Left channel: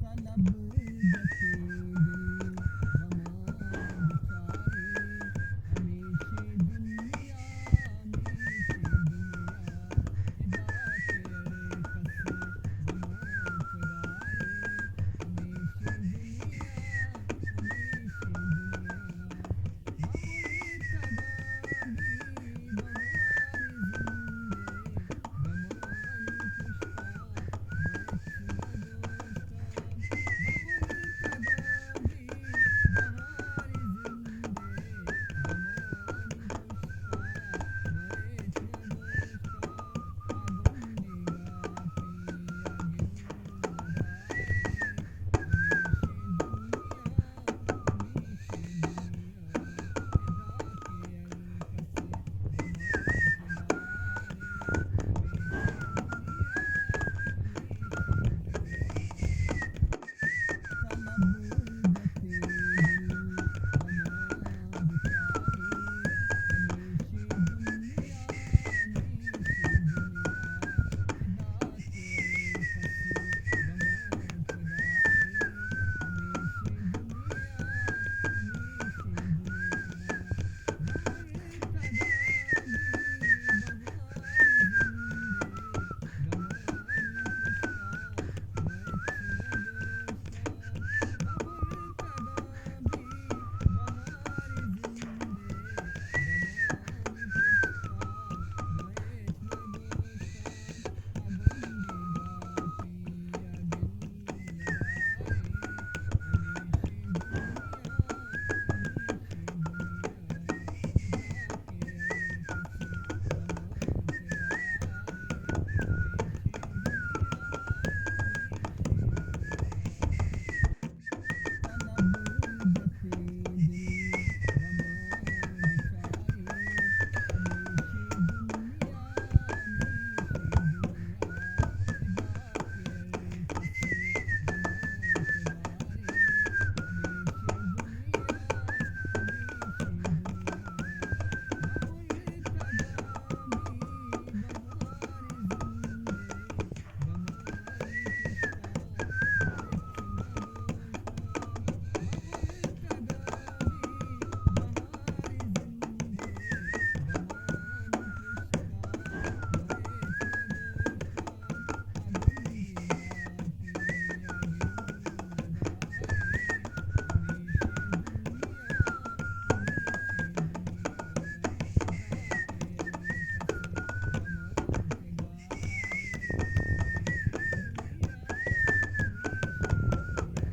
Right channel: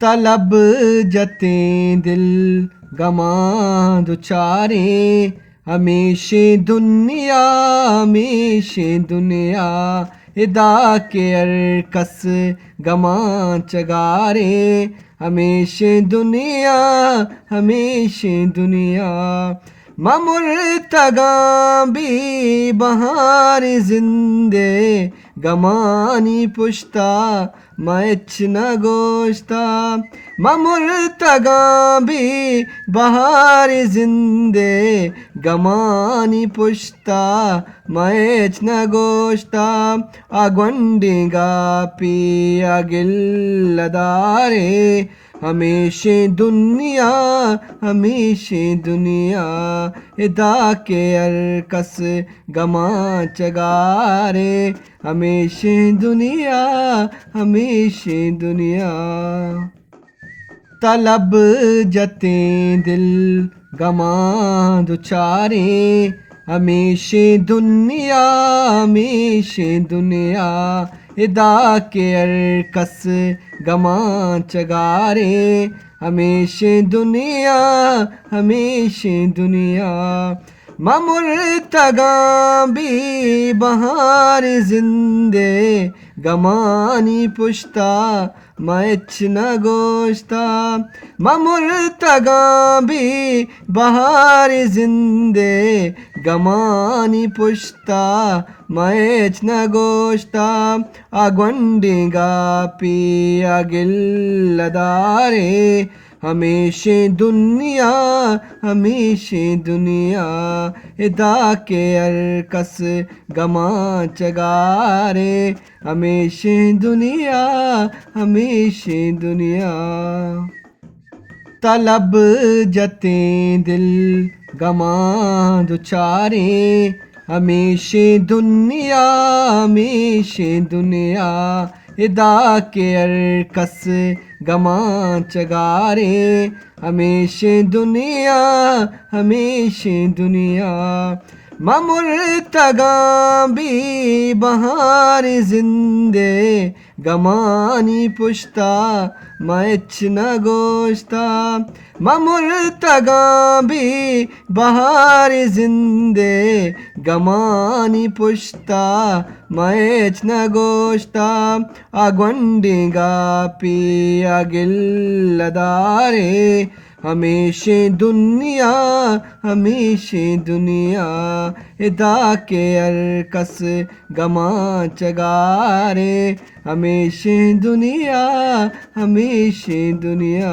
तलब जतें दिल गमा दुचारे, हमेशे दुनिया हमेशे दुनिया इदा के अरकस गमा चगारे, हमेशे दुनिया हमेशे दुनिया ममुर्तगा भी बहार जिंदे गमानी पुश्ता मैच न गोश्ता ममुर्तगा भी बहार जिंदे गमानी पुश्ता मैच न गोश्ता आगवंडिगा पी अगिल्लदारे, हमेशे दुनिया हमेशे दुनिया इदा के अरकस गमा चगारे, हमेशे दुनिया हमेशे दुनिया तलब जतें दिल गमा दुचारे, हमेशे दुनिया हमेशे दुनिया इदा के अरकस गमा चगारे, हमेशे दुनिया हमेशे दुनिया ममुर्तगा भी बहार जिंदे गमानी पुश्ता मैच न गोश्ता ममुर्तगा भी बहार जिंदे गमानी पुश्ता मैच न गोश्ता आगवंडिगा पी अगिल्लदारे, हमेशे दुनिया हमेशे दुनिया इदा के अरकस गमा चगारे, हमेशे दुनिया हमेशे दुनिया तलब जतें दिल गमा दुचारे, हमेशे दुनिया हमेशे दुनिया इदा के अरकस गमा चगारे, हमेशे दुनिया हमेशे दुनिया ममुर्तगा भी बहार जिंदे गमानी पुश्ता मैच न गोश्ता ममुर्तगा भी बहार जिंदे गमानी पुश्ता मैच न गोश्ता आगवंडिगा पी अगिल्लदारे, हमेशे दुनिया हमेशे दुनिया इदा के अरकस गमा चगारे, हमेशे दुनिया हमेशे दुनिया।